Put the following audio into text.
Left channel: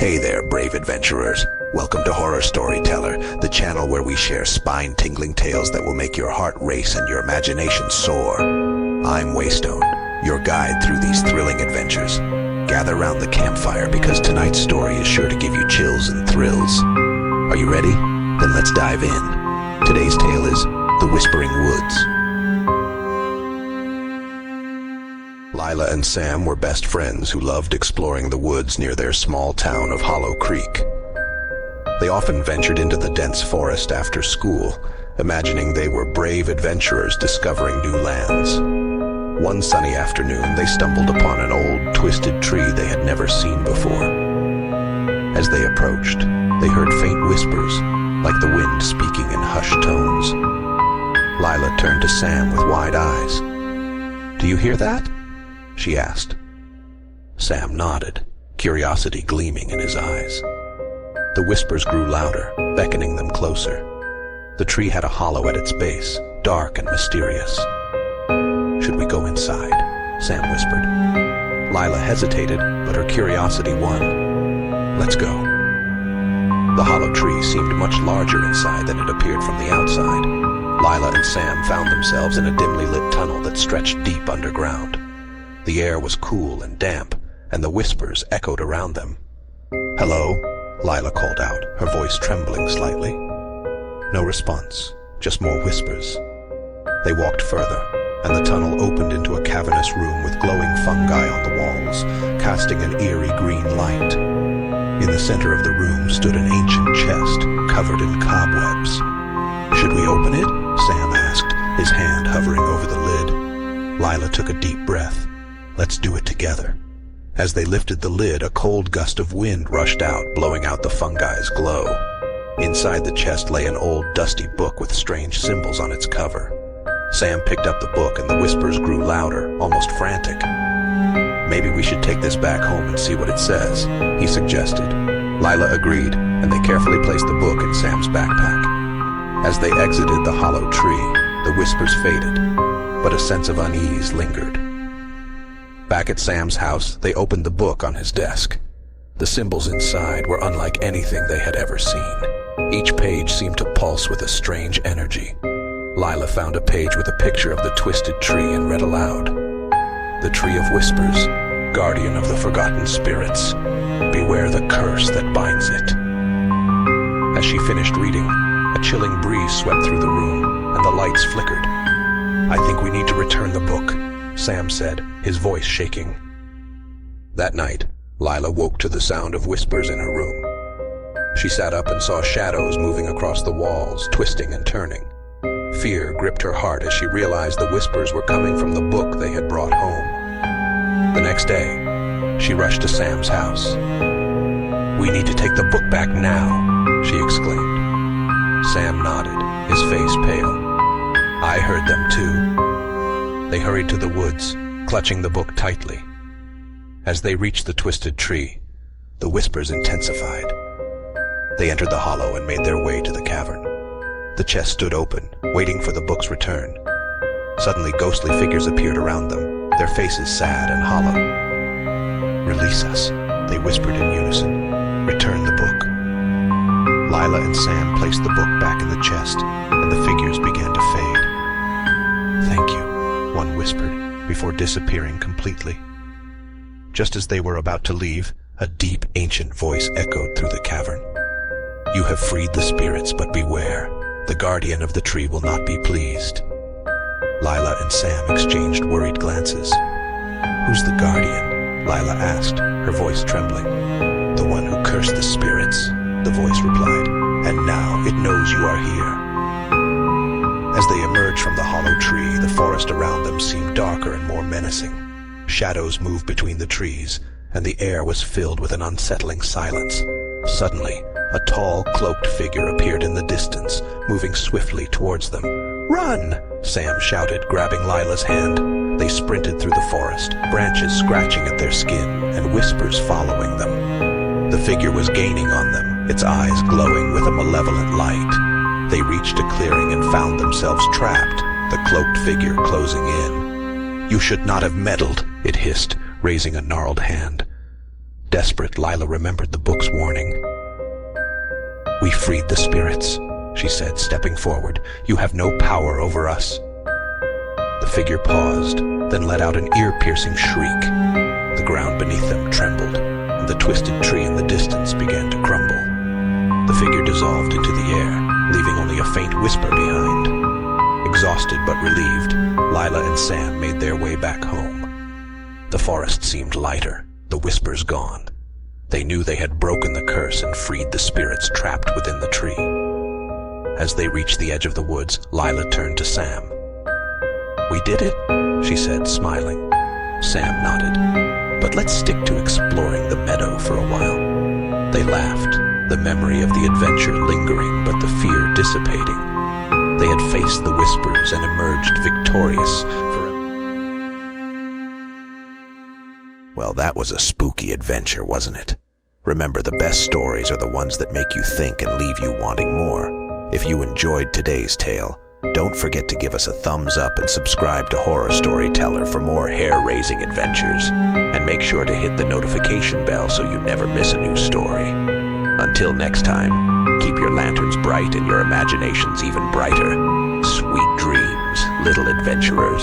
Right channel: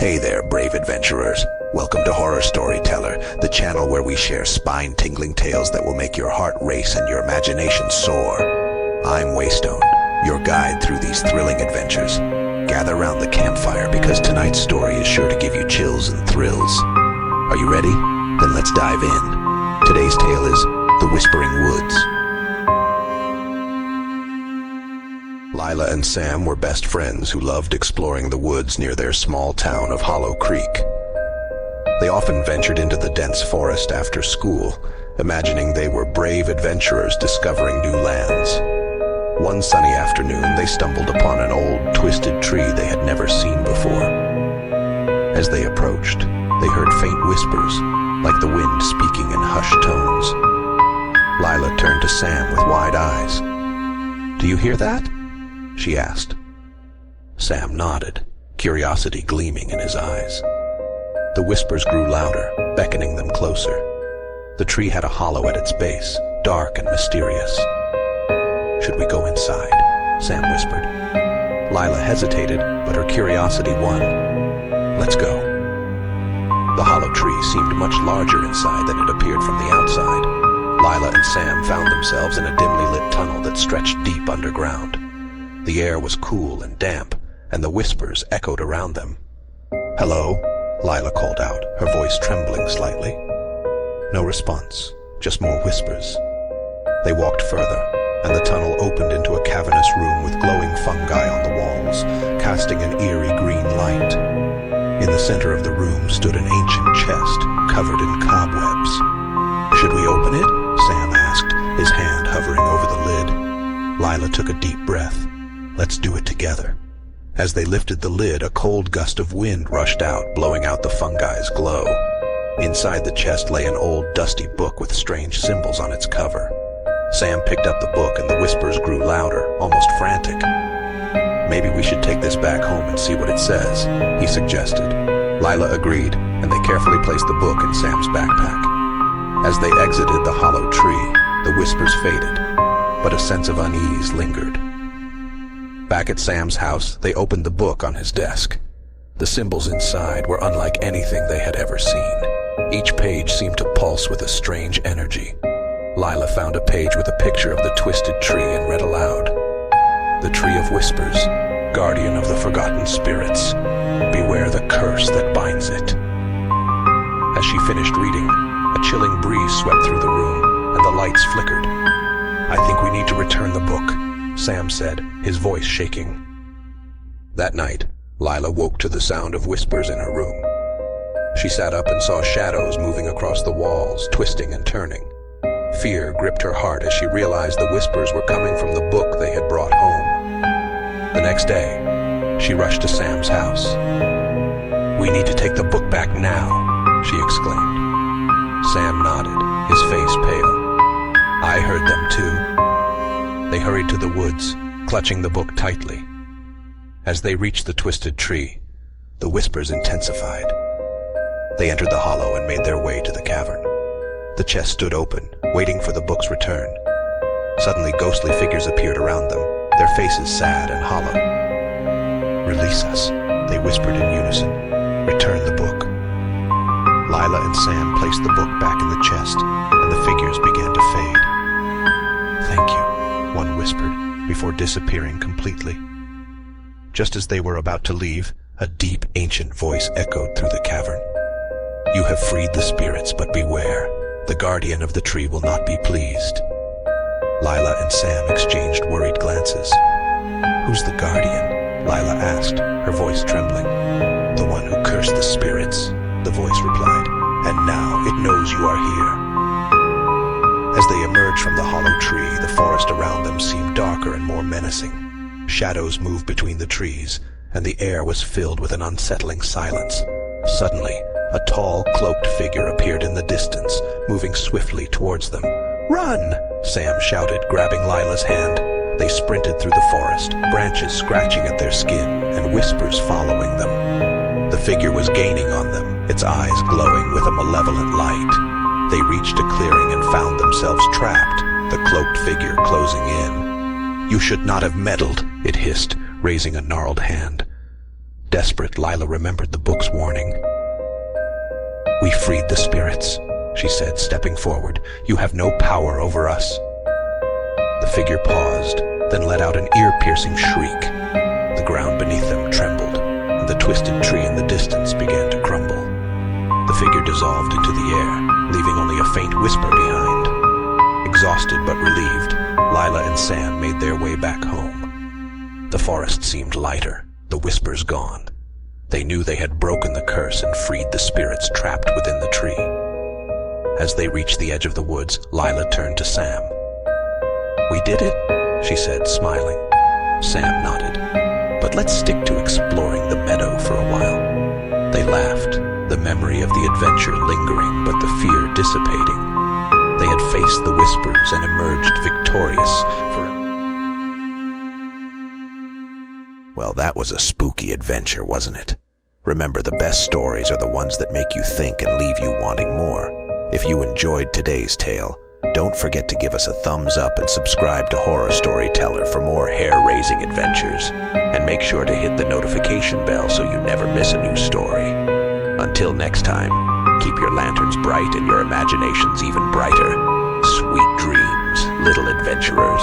Hey there, brave adventurers. Welcome to Horror Storyteller, the channel where we share spine-tingling tales that will make your heart race and your imagination soar. I'm Waystone, your guide through these thrilling adventures. Gather round the campfire because tonight's story is sure to give you chills and thrills. Are you ready? Then let's dive in. Today's tale is The Whispering Woods. Lila and Sam were best friends who loved exploring the woods near their small town of Hollow Creek. They often ventured into the dense forest after school, imagining they were brave adventurers discovering new lands. One sunny afternoon, they stumbled upon an old, twisted tree they had never seen before. As they approached, they heard faint whispers, like the wind speaking in hushed tones. Lila turned to Sam with wide eyes. "Do you hear that?" she asked. Sam nodded, curiosity gleaming in his eyes. The whispers grew louder, beckoning them closer. The tree had a hollow at its base, dark and mysterious. "Should we go inside?" Sam whispered. Lila hesitated, but her curiosity won. "Let's go." The hollow tree seemed much larger inside than it appeared from the outside. Lila and Sam found themselves in a dimly lit tunnel that stretched deep underground. The air was cool and damp, and the whispers echoed around them. "Hello?" Lila called out, her voice trembling slightly. No response, just more whispers. They walked further, and the tunnel opened into a cavernous room with glowing fungi on the walls, casting an eerie green light. In the center of the room stood an ancient chest, covered in cobwebs. "Should we open it?" Sam asked, his hand hovering over the lid. Lila took a deep breath. "Let's do it together." As they lifted the lid, a cold gust of wind rushed out, blowing out the fungi's glow. Inside the chest lay an old, dusty book with strange symbols on its cover. Sam picked up the book and the whispers grew louder, almost frantic. "Maybe we should take this back home and see what it says," he suggested. Lila agreed, and they carefully placed the book in Sam's backpack. As they exited the hollow tree, the whispers faded, but a sense of unease lingered. Back at Sam's house, they opened the book on his desk. The symbols inside were unlike anything they had ever seen. Each page seemed to pulse with a strange energy. Lila found a page with a picture of the twisted tree and read aloud. "The Tree of Whispers, guardian of the forgotten spirits. Beware the curse that binds it." As she finished reading, a chilling breeze swept through the room, and the lights flickered. "I think we need to return the book," Sam said, his voice shaking. That night, Lila woke to the sound of whispers in her room. She sat up and saw shadows moving across the walls, twisting and turning. Fear gripped her heart as she realized the whispers were coming from the book they had brought home. The next day, she rushed to Sam's house. "We need to take the book back now," she exclaimed. Sam nodded, his face pale. "I heard them too." They hurried to the woods, clutching the book tightly. As they reached the twisted tree, the whispers intensified. They entered the hollow and made their way to the cavern. The chest stood open, waiting for the book's return. Suddenly, ghostly figures appeared around them, their faces sad and hollow. "Release us," they whispered in unison. "Return the book." Lila and Sam placed the book back in the chest, and the figures began to fade. "Thank you," one whispered, before disappearing completely. Just as they were about to leave, a deep, ancient voice echoed through the cavern. "You have freed the spirits, but beware. The guardian of the tree will not be pleased." Lila and Sam exchanged worried glances. "Who's the guardian?" Lila asked, her voice trembling. "The one who cursed the spirits," the voice replied, "and now it knows you are here." As they emerged from the hollow tree, the forest around them seemed darker and more menacing. Shadows moved between the trees, and the air was filled with an unsettling silence. Suddenly, a tall, cloaked figure appeared in the distance, moving swiftly towards them. "Run!" Sam shouted, grabbing Lila's hand. They sprinted through the forest, branches scratching at their skin, and whispers following them. The figure was gaining on them, its eyes glowing with a malevolent light. They reached a clearing and found themselves trapped, the cloaked figure closing in. "You should not have meddled," it hissed, raising a gnarled hand. Desperate, Lila remembered the book's warning. "We freed the spirits," she said, stepping forward. "You have no power over us." The figure paused, then let out an ear-piercing shriek. The ground beneath them trembled, and the twisted tree in the distance began to crumble. The figure dissolved into the air, leaving only a faint whisper behind. Exhausted but relieved, Lila and Sam made their way back home. The forest seemed lighter, the whispers gone. They knew they had broken the curse and freed the spirits trapped within the tree. As they reached the edge of the woods, Lila turned to Sam. "We did it," she said, smiling. Sam nodded. "But let's stick to exploring the meadow for a while." They laughed, the memory of the adventure lingering but the fear dissipating. They had faced the whispers and emerged victorious for Well, that was a spooky adventure, wasn't it? Remember, the best stories are the ones that make you think and leave you wanting more. If you enjoyed today's tale, don't forget to give us a thumbs up and subscribe to Horror Storyteller for more hair-raising adventures. And make sure to hit the notification bell so you never miss a new story. Until next time, keep your lanterns bright and your imaginations even brighter. Sweet dreams, little adventurers.